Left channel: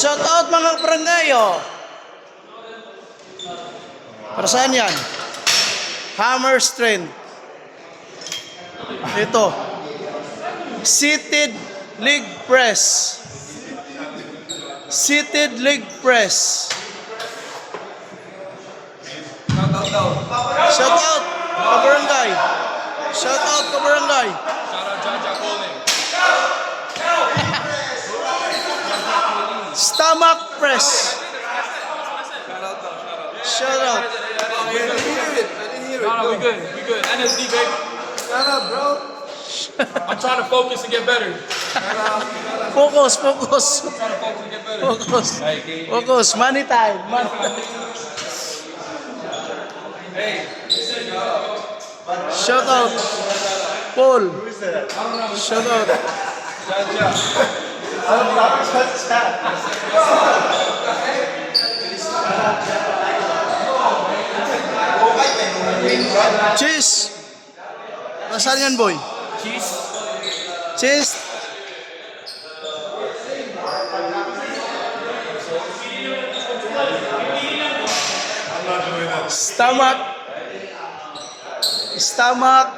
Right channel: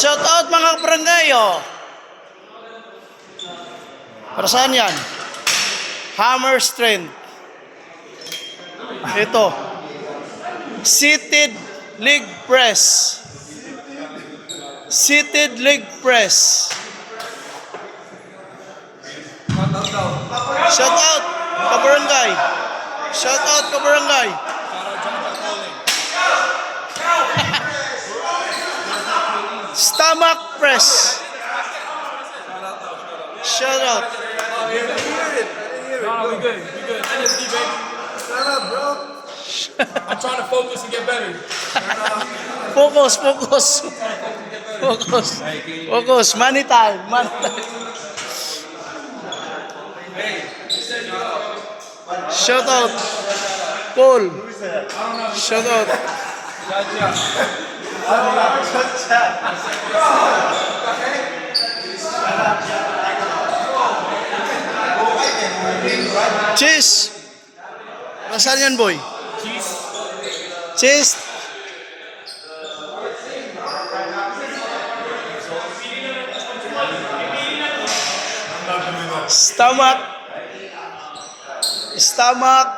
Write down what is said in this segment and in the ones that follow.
Shout out mga barangay, oh. Para saan yan? Hammer strength. Ito. Seated leg press. Seated leg press. Shout out kabarangay. Shout out kabarangay. Stomach press. Shout out. No, we good. We good. NSD, baby. Shut up, bro. I'm trying to focus and get better. Focus, focus. I'm trying to focus and get better. Focus. Focus. Money time. Money time. Shout out. Paul. Shout out. Cheese. Nasaan yan, boy? Cheese. Cheese. Stomach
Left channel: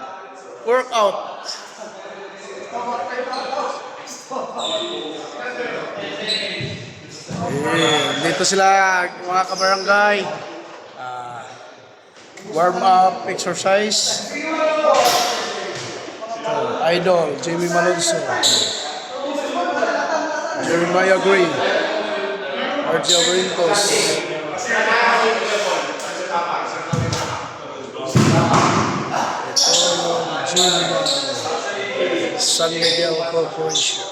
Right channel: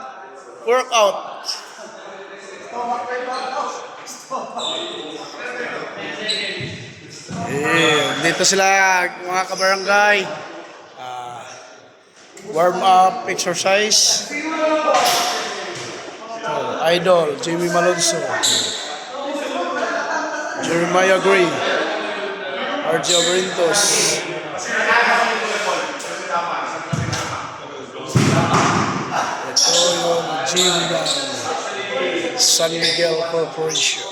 workout. Dito sila mga kabarangay. Warm up exercise. Idol, Jamie Malonzo. Jeremiah Gray. RJ Abrintos. Ito yung gym ng San Miguel Corporation.